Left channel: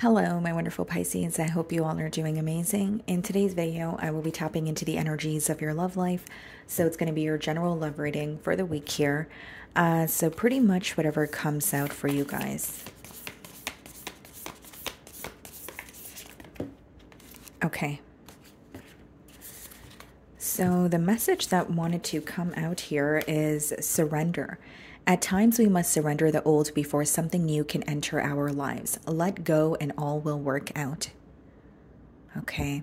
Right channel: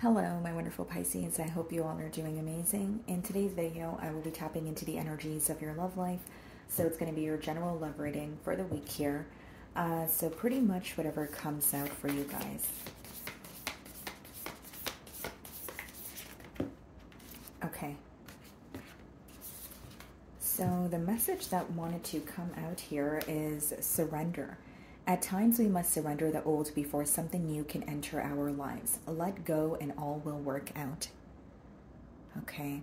Hello, my wonderful Pisces. I hope you all are doing amazing. In today's video, I will be tapping into the energies of your love life. So it's going to be your general love reading for the week here. So pretty much whatever comes out for you guys. Okay. So the message that wanted to come out here is surrender. At times, we must surrender the old before something new can enter our lives. Let go and all will work out. Okay.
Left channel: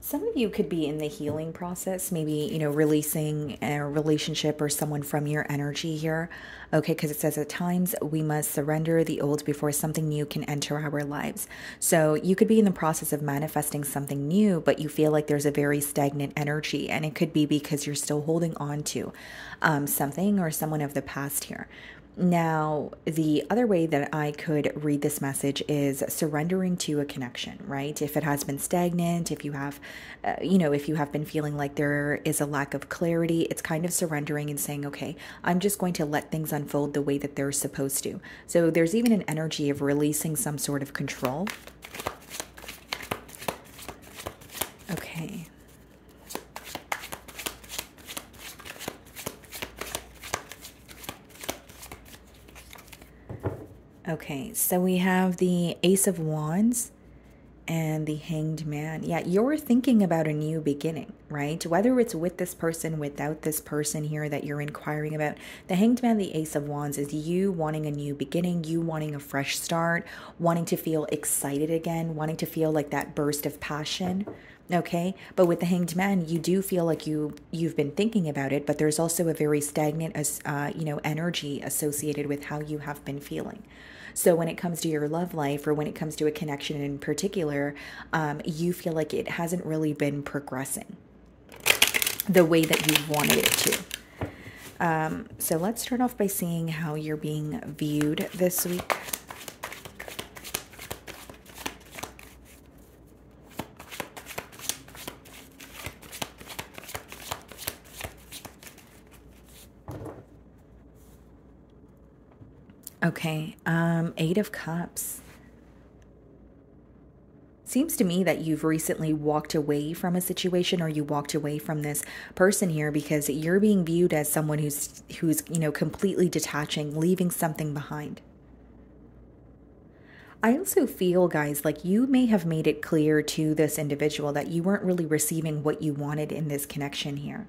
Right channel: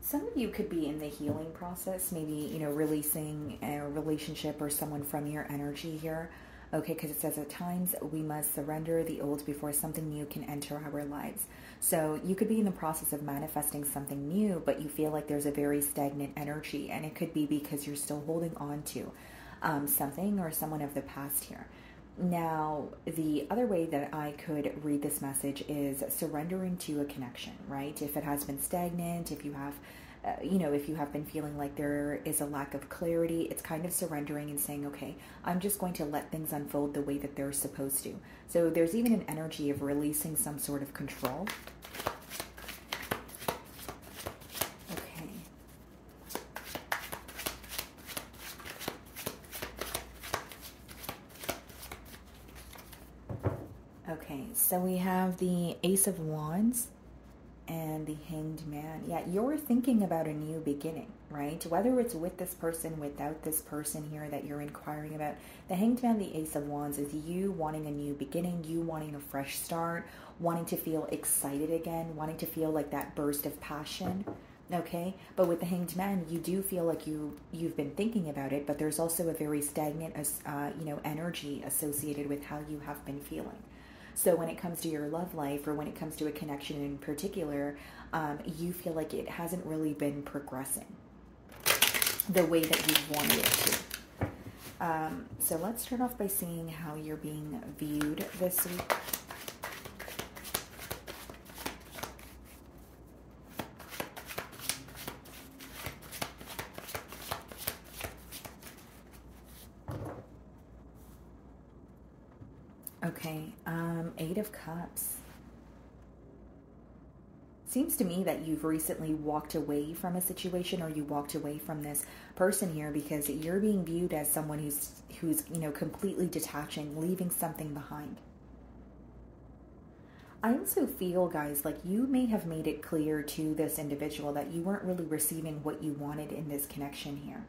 Some of you could be in the healing process, maybe, releasing a relationship or someone from your energy here. Okay, because it says at times we must surrender the old before something new can enter our lives. So you could be in the process of manifesting something new, but you feel like there's a very stagnant energy, and it could be because you're still holding on to something or someone of the past here. Now, the other way that I could read this message is surrendering to a connection, right? If it has been stagnant, if you have, if you have been feeling like there is a lack of clarity, it's kind of surrendering and saying, okay, I'm just going to let things unfold the way that they're supposed to. So there's even an energy of releasing some sort of control. Okay. Okay, so we have the Ace of Wands and the Hanged Man. Yeah, you're thinking about a new beginning, right? Whether it's with this person, without this person here that you're inquiring about. The Hanged Man, the Ace of Wands, is you wanting a new beginning, you wanting a fresh start, wanting to feel excited again, wanting to feel like that burst of passion. Okay, but with the Hanged Man, you do feel like you've been thinking about it, but there's also a very stagnant, energy associated with how you have been feeling. So when it comes to your love life, or when it comes to a connection in particular, you feel like it hasn't really been progressing the way that you wanted it to. So let's start off by seeing how you're being viewed this week. Okay, Eight of Cups. Seems to me that you've recently walked away from a situation, or you walked away from this person here because you're being viewed as someone who's completely detaching, leaving something behind. I also feel, guys, like you may have made it clear to this individual that you weren't really receiving what you wanted in this connection here.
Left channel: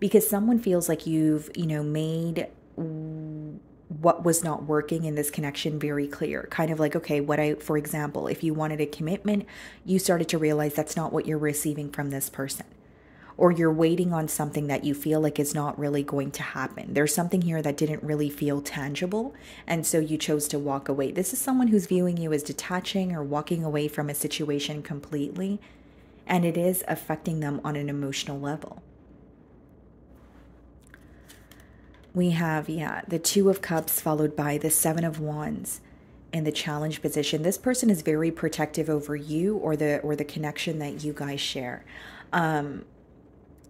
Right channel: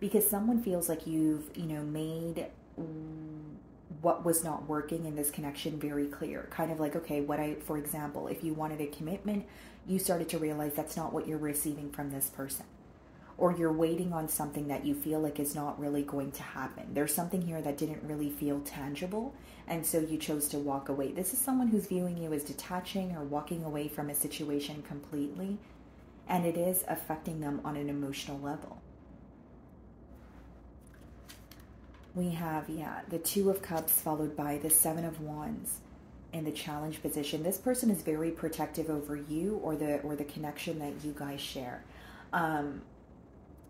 Because someone feels like you've, made what was not working in this connection very clear. Kind of like, okay, for example, if you wanted a commitment, you started to realize that's not what you're receiving from this person. Or you're waiting on something that you feel like is not really going to happen. There's something here that didn't really feel tangible, and so you chose to walk away. This is someone who's viewing you as detaching or walking away from a situation completely, and it is affecting them on an emotional level. We have, the Two of Cups followed by the Seven of Wands in the challenge position. This person is very protective over you or the connection that you guys share.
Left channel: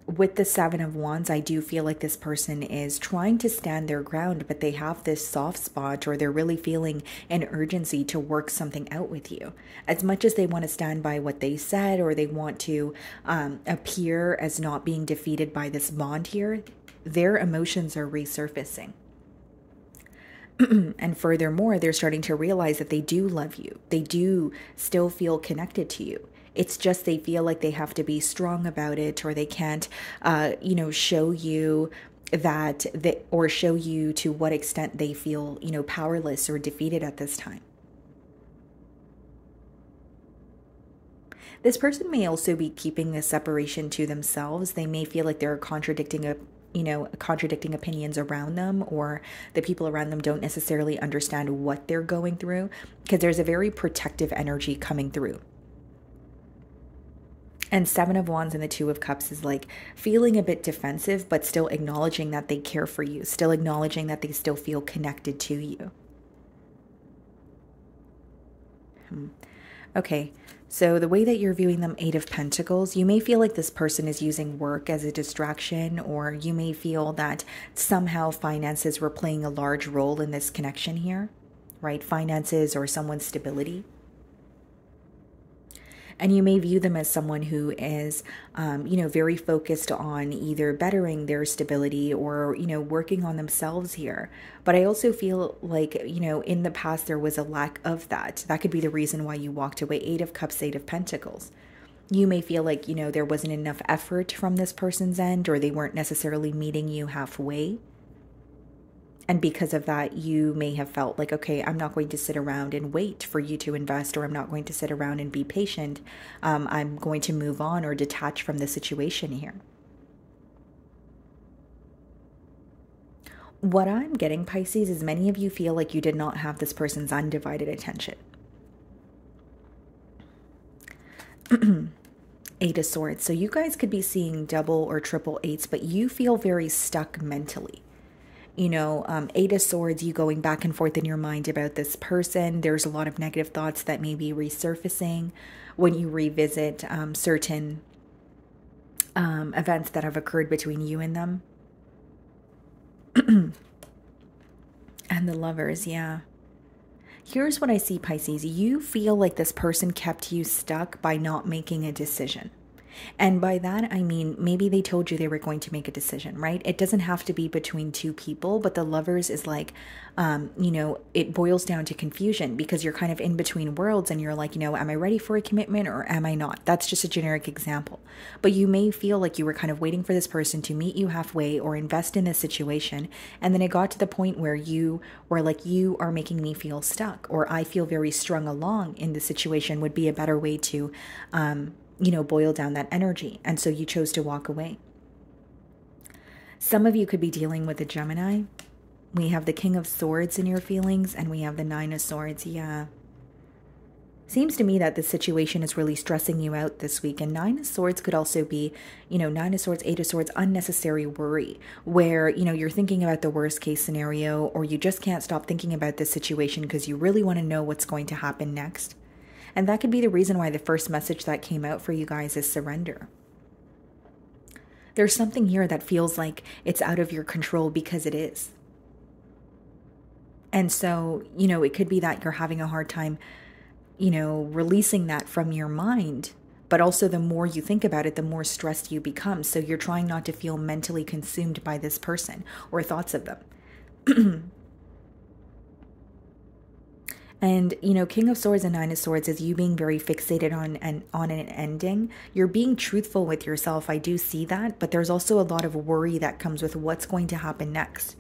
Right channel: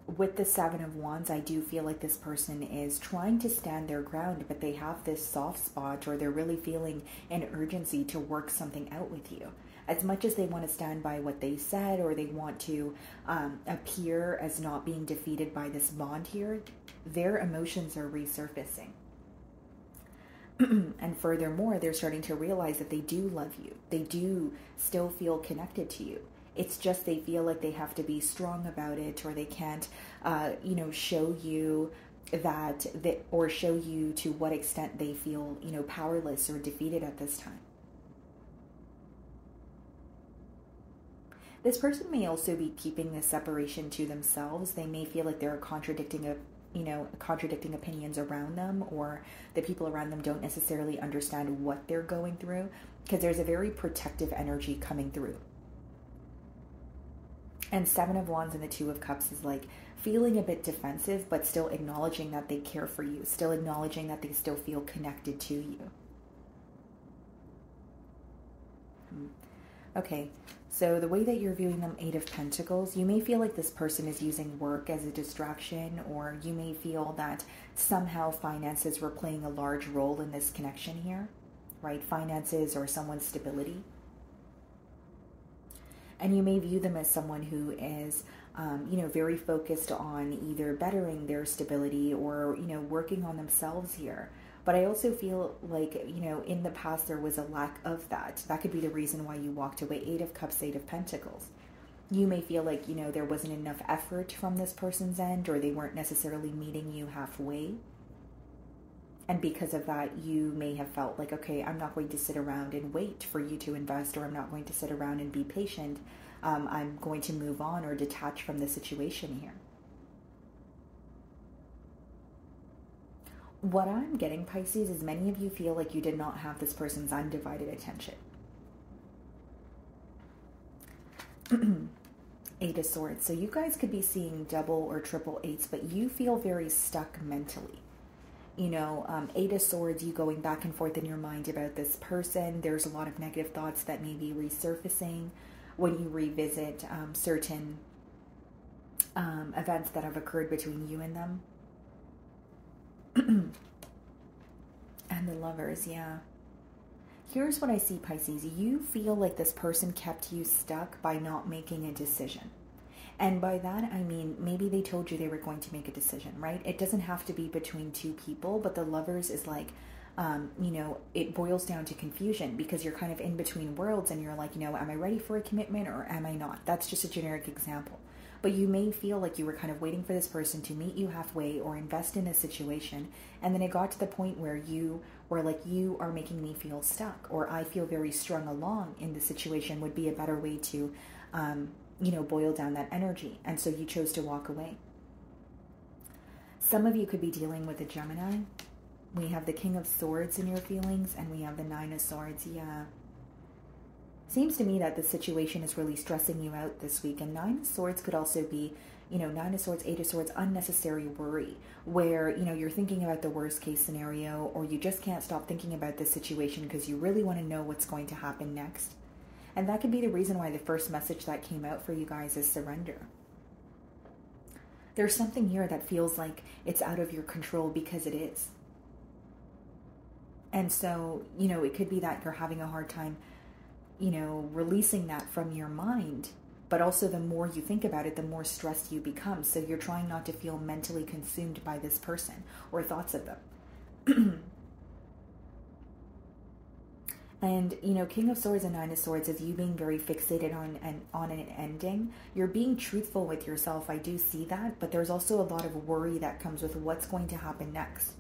With the Seven of Wands, I do feel like this person is trying to stand their ground, but they have this soft spot, or they're really feeling an urgency to work something out with you. As much as they want to stand by what they said, or they want to appear as not being defeated by this bond here, their emotions are resurfacing. And furthermore, they're starting to realize that they do love you. They do still feel connected to you. It's just they feel like they have to be strong about it, or they can't, show you or show you to what extent they feel, powerless or defeated at this time. This person may also be keeping this separation to themselves. They may feel like they're contradicting opinions around them, or the people around them don't necessarily understand what they're going through, because there's a very protective energy coming through. And Seven of Wands and the Two of Cups is like feeling a bit defensive, but still acknowledging that they care for you, still acknowledging that they still feel connected to you. Okay, so the way that you're viewing them, Eight of Pentacles, you may feel like this person is using work as a distraction, or you may feel that somehow finances were playing a large role in this connection here, right? Finances or someone's stability. And you may view them as someone who is, very focused on either bettering their stability or, working on themselves here. But I also feel like, in the past there was a lack of that. That could be the reason why you walked away. Eight of Cups, Eight of Pentacles. You may feel like, there wasn't enough effort from this person's end, or they weren't necessarily meeting you halfway. And because of that, you may have felt like, okay, I'm not going to sit around and wait for you to invest, or I'm not going to sit around and be patient. I'm going to move on or detach from the situation here. What I'm getting, Pisces, is many of you feel like you did not have this person's undivided attention. Eight of Swords. So you guys could be seeing double or triple eights, but you feel very stuck mentally. Eight of Swords, you going back and forth in your mind about this person. There's a lot of negative thoughts that may be resurfacing when you revisit certain events that have occurred between you and them. And the Lovers, yeah. Here's what I see, Pisces. You feel like this person kept you stuck by not making a decision. And by that, I mean, maybe they told you they were going to make a decision, right? It doesn't have to be between two people, but the Lovers is like, it boils down to confusion because you're kind of in between worlds and you're like, am I ready for a commitment or am I not? That's just a generic example. But you may feel like you were kind of waiting for this person to meet you halfway or invest in a situation. And then it got to the point where you were like, you are making me feel stuck, or I feel very strung along in the situation would be a better way to, boil down that energy. And so you chose to walk away. Some of you could be dealing with a Gemini. We have the King of Swords in your feelings, and we have the Nine of Swords. Yeah. Seems to me that the situation is really stressing you out this week. And Nine of Swords could also be, Nine of Swords, Eight of Swords, unnecessary worry, where, you're thinking about the worst case scenario, or you just can't stop thinking about this situation because you really want to know what's going to happen next. And that could be the reason why the first message that came out for you guys is surrender. There's something here that feels like it's out of your control because it is. And so, it could be that you're having a hard time, releasing that from your mind. But also the more you think about it, the more stressed you become. So you're trying not to feel mentally consumed by this person or thoughts of them. And, King of Swords and Nine of Swords is you being very fixated on an ending. You're being truthful with yourself. I do see that. But there's also a lot of worry that comes with what's going to happen next.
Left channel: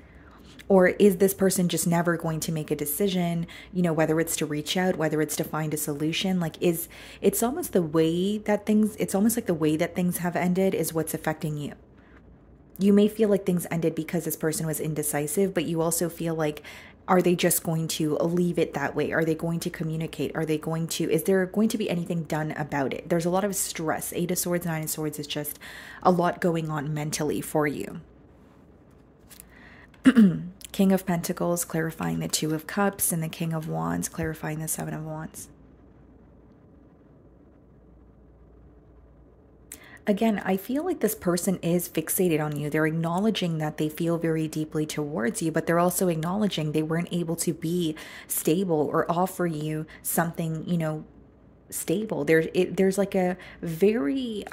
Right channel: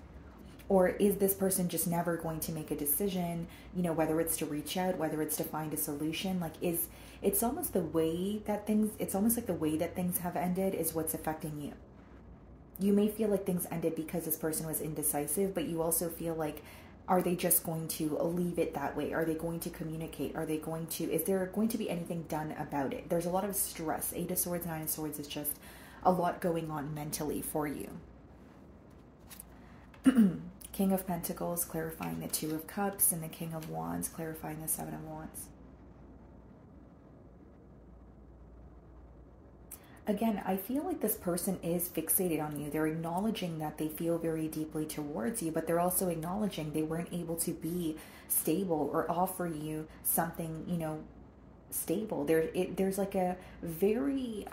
Or is this person just never going to make a decision, whether it's to reach out, whether it's to find a solution? Like, it's almost the way that things have ended is what's affecting you. You may feel like things ended because this person was indecisive, but you also feel like, are they just going to leave it that way? Are they going to communicate? Is there going to be anything done about it? There's a lot of stress. Eight of Swords, Nine of Swords is just a lot going on mentally for you. King of Pentacles, clarifying the Two of Cups, and the King of Wands, clarifying the Seven of Wands. Again, I feel like this person is fixated on you. They're acknowledging that they feel very deeply towards you, but they're also acknowledging they weren't able to be stable or offer you something, stable. There's like a very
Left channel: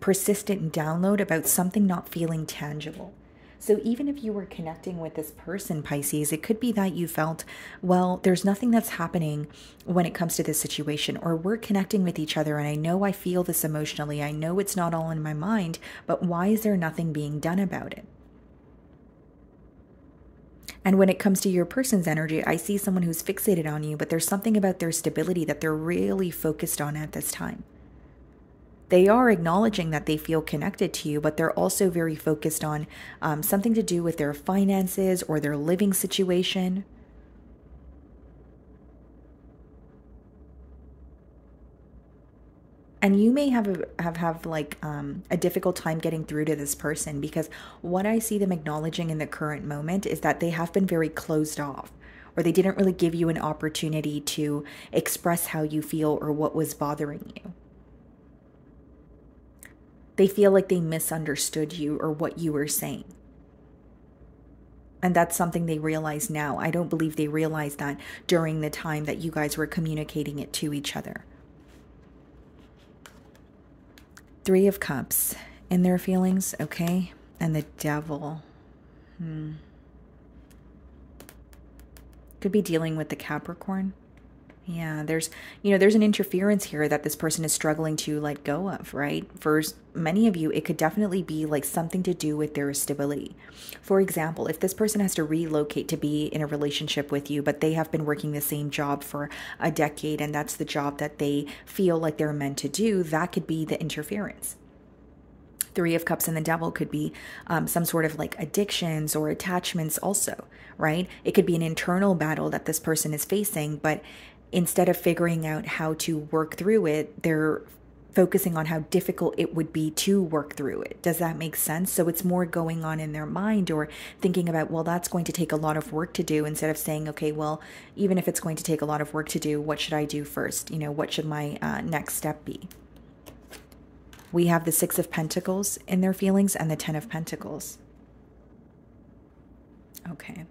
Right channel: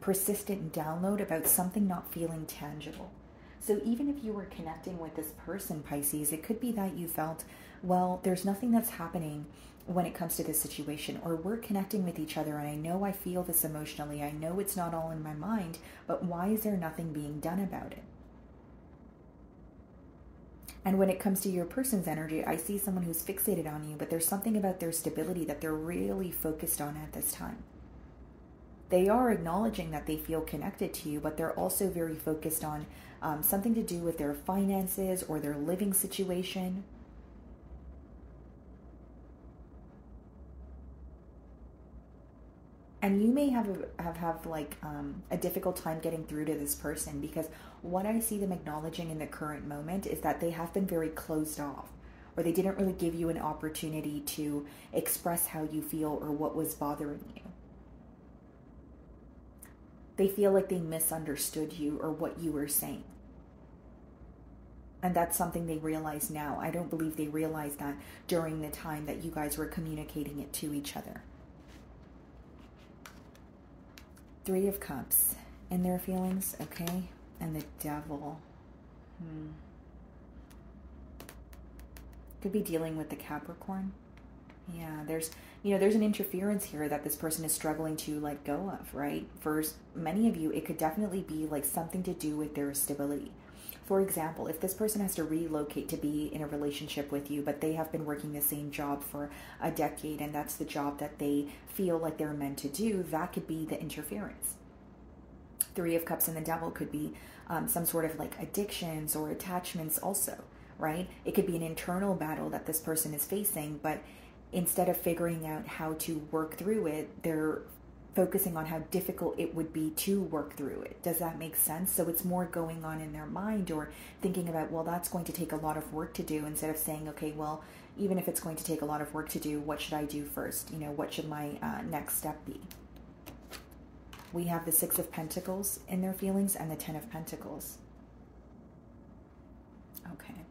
persistent download about something not feeling tangible. So even if you were connecting with this person, Pisces, it could be that you felt, well, there's nothing that's happening when it comes to this situation, or we're connecting with each other and I know I feel this emotionally. I know it's not all in my mind, but why is there nothing being done about it? And when it comes to your person's energy, I see someone who's fixated on you, but there's something about their stability that they're really focused on at this time. They are acknowledging that they feel connected to you, but they're also very focused on something to do with their finances or their living situation. And you may have a difficult time getting through to this person, because what I see them acknowledging in the current moment is that they have been very closed off, or they didn't really give you an opportunity to express how you feel or what was bothering you. They feel like they misunderstood you or what you were saying. And that's something they realize now. I don't believe they realized that during the time that you guys were communicating it to each other. Three of Cups in their feelings, okay? And the Devil. Could be dealing with the Capricorn. Yeah, there's an interference here that this person is struggling to let go of, right? For many of you, it could definitely be like something to do with their stability. For example, if this person has to relocate to be in a relationship with you, but they have been working the same job for a decade, and that's the job that they feel like they're meant to do, that could be the interference. Three of Cups and the Devil could be some sort of like addictions or attachments also, right? It could be an internal battle that this person is facing, but instead of figuring out how to work through it, they're focusing on how difficult it would be to work through it. Does that make sense? So it's more going on in their mind, or thinking about, well, that's going to take a lot of work to do, instead of saying, okay, well, even if it's going to take a lot of work to do, what should I do first? What should my next step be? We have the Six of Pentacles in their feelings and the Ten of Pentacles. Okay.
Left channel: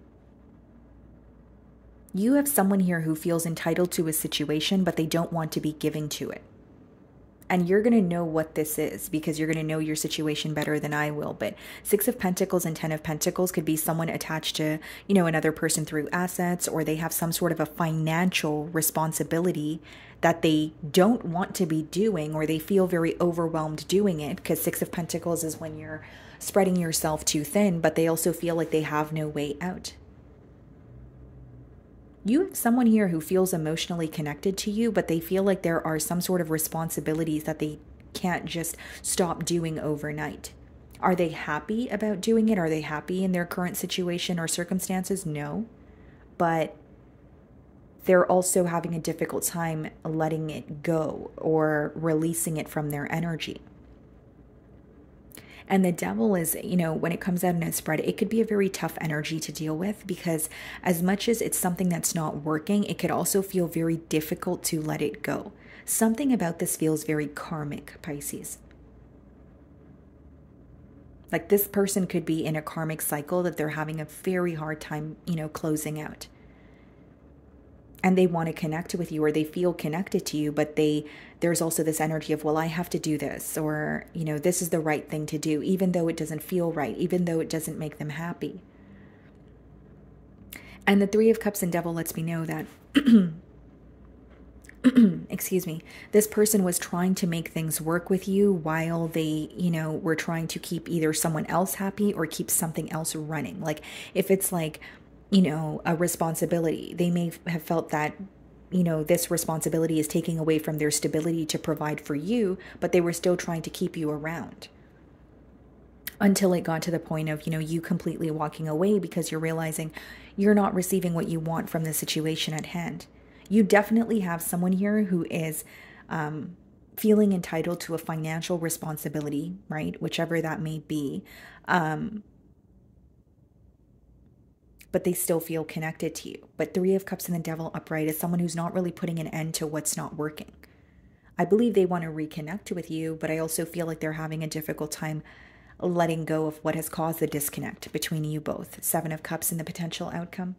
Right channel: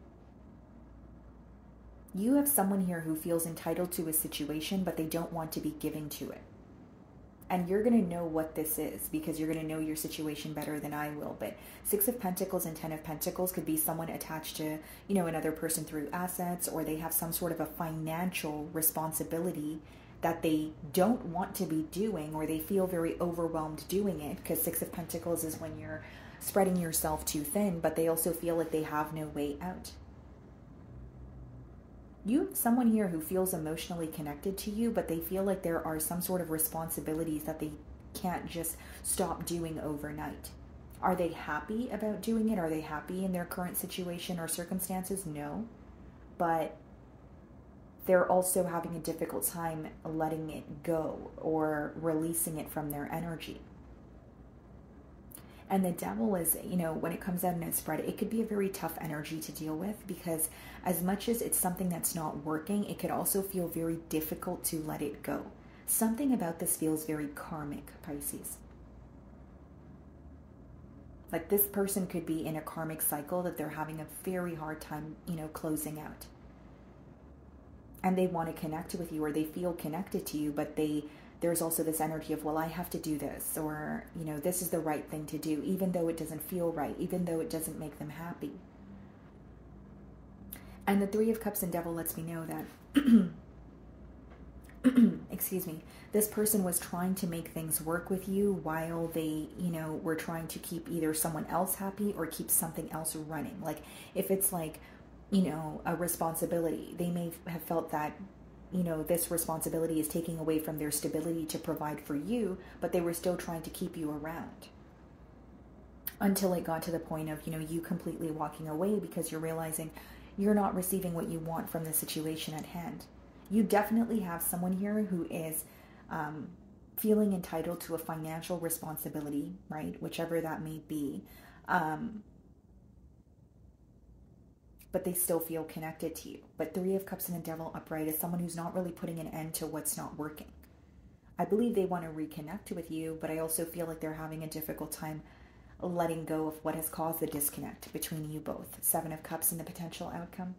You have someone here who feels entitled to a situation, but they don't want to be giving to it. And you're going to know what this is, because you're going to know your situation better than I will. But Six of Pentacles and Ten of Pentacles could be someone attached to, another person through assets, or they have some sort of a financial responsibility that they don't want to be doing, or they feel very overwhelmed doing it, because Six of Pentacles is when you're spreading yourself too thin, but they also feel like they have no way out. You have someone here who feels emotionally connected to you, but they feel like there are some sort of responsibilities that they can't just stop doing overnight. Are they happy about doing it? Are they happy in their current situation or circumstances? No. But they're also having a difficult time letting it go or releasing it from their energy. And the Devil is, when it comes out in a spread, it could be a very tough energy to deal with, because as much as it's something that's not working, it could also feel very difficult to let it go. Something about this feels very karmic, Pisces. Like this person could be in a karmic cycle that they're having a very hard time, closing out. And they want to connect with you, or they feel connected to you, but there's also this energy of, well, I have to do this, or, this is the right thing to do, even though it doesn't feel right, even though it doesn't make them happy. And the Three of Cups and Devil lets me know that, excuse me, this person was trying to make things work with you while they, were trying to keep either someone else happy or keep something else running. Like if it's like, a responsibility, they may have felt that, this responsibility is taking away from their stability to provide for you, but they were still trying to keep you around until it got to the point of, you completely walking away because you're realizing you're not receiving what you want from the situation at hand. You definitely have someone here who is feeling entitled to a financial responsibility, right? Whichever that may be. But they still feel connected to you. But Three of Cups and the Devil upright is someone who's not really putting an end to what's not working. I believe they want to reconnect with you, but I also feel like they're having a difficult time letting go of what has caused the disconnect between you both. Seven of Cups and the potential outcome.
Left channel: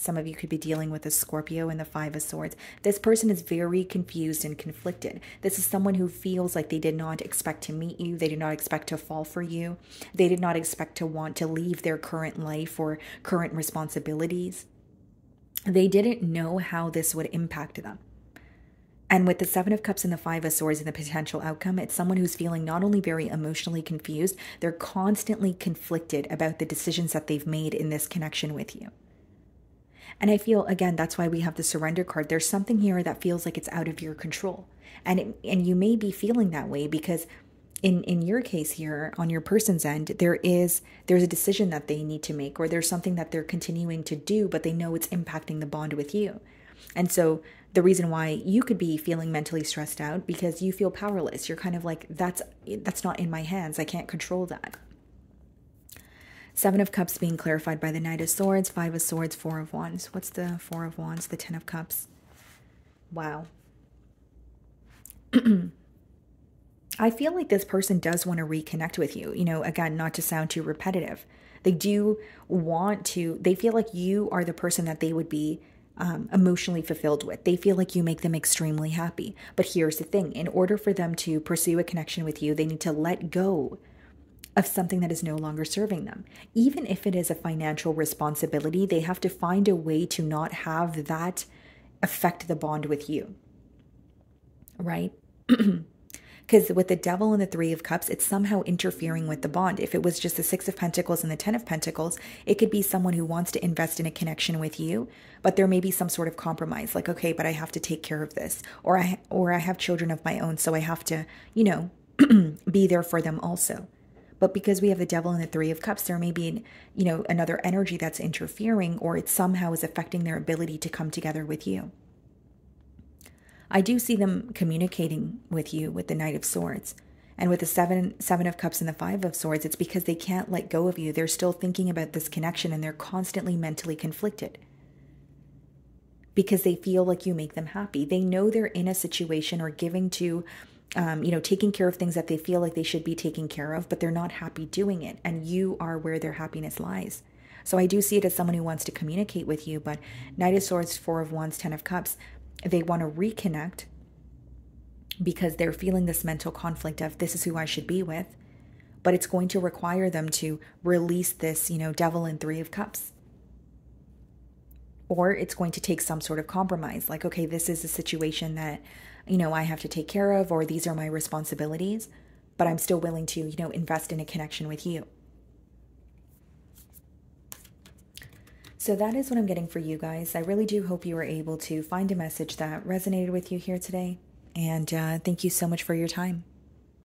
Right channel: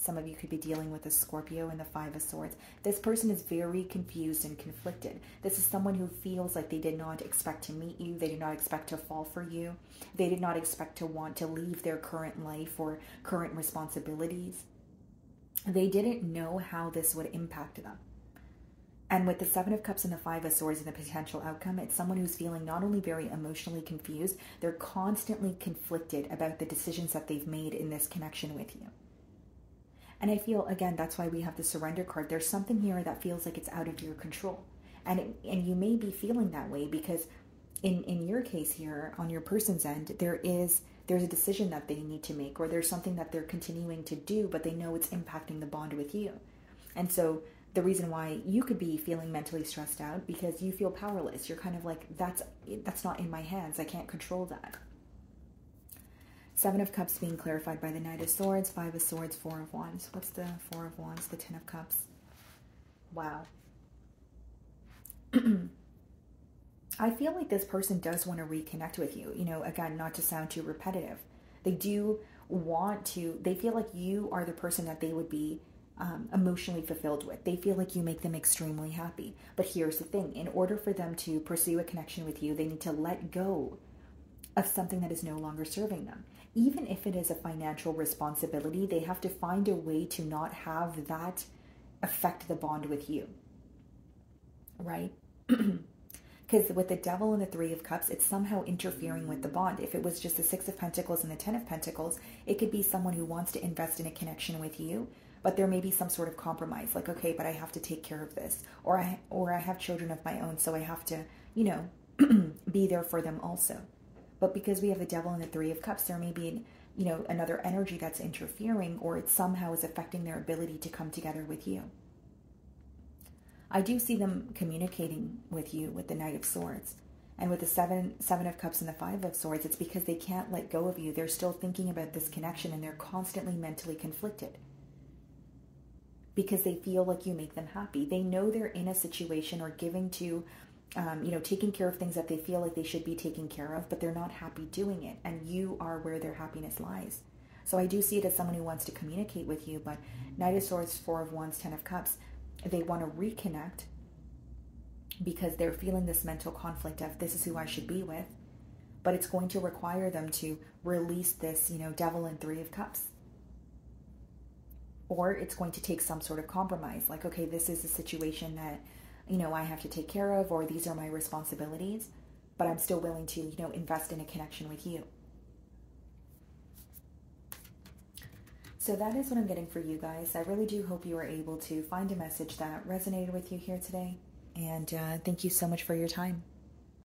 Some of you could be dealing with a Scorpio and the Five of Swords. This person is very confused and conflicted. This is someone who feels like they did not expect to meet you. They did not expect to fall for you. They did not expect to want to leave their current life or current responsibilities. They didn't know how this would impact them. And with the Seven of Cups and the Five of Swords and the potential outcome, it's someone who's feeling not only very emotionally confused, they're constantly conflicted about the decisions that they've made in this connection with you. And I feel, again, that's why we have the Surrender card. There's something here that feels like it's out of your control. And you may be feeling that way because in your case here, on your person's end, there's a decision that they need to make, or there's something that they're continuing to do, but they know it's impacting the bond with you. And so the reason why you could be feeling mentally stressed out, because you feel powerless. You're kind of like, that's not in my hands. I can't control that. Seven of Cups being clarified by the Knight of Swords, Five of Swords, Four of Wands. What's the Four of Wands? The Ten of Cups. Wow. I feel like this person does want to reconnect with you. You know, again, not to sound too repetitive. They do want to, they feel like you are the person that they would be emotionally fulfilled with. They feel like you make them extremely happy. But here's the thing, in order for them to pursue a connection with you, they need to let go of something that is no longer serving them. Even if it is a financial responsibility, they have to find a way to not have that affect the bond with you, right? Because with the Devil and the Three of Cups, it's somehow interfering with the bond. If it was just the Six of Pentacles and the Ten of Pentacles, it could be someone who wants to invest in a connection with you, but there may be some sort of compromise, like, okay, but I have to take care of this, or I have children of my own, so I have to, you know, be there for them also. But because we have the Devil and the Three of Cups, there may be, you know, another energy that's interfering, or it somehow is affecting their ability to come together with you. I do see them communicating with you with the Knight of Swords. And with the seven of Cups and the Five of Swords, it's because they can't let go of you. They're still thinking about this connection, and they're constantly mentally conflicted. Because they feel like you make them happy. They know they're in a situation or giving to, you know, taking care of things that they feel like they should be taking care of, but they're not happy doing it. And you are where their happiness lies. So I do see it as someone who wants to communicate with you, but Knight of Swords, Four of Wands, Ten of Cups, they want to reconnect because they're feeling this mental conflict of this is who I should be with, but it's going to require them to release this, you know, Devil and Three of Cups. Or it's going to take some sort of compromise, like, okay, this is a situation that, you know, I have to take care of, or these are my responsibilities, but I'm still willing to, you know, invest in a connection with you. So that is what I'm getting for you guys. I really do hope you were able to find a message that resonated with you here today. And thank you so much for your time.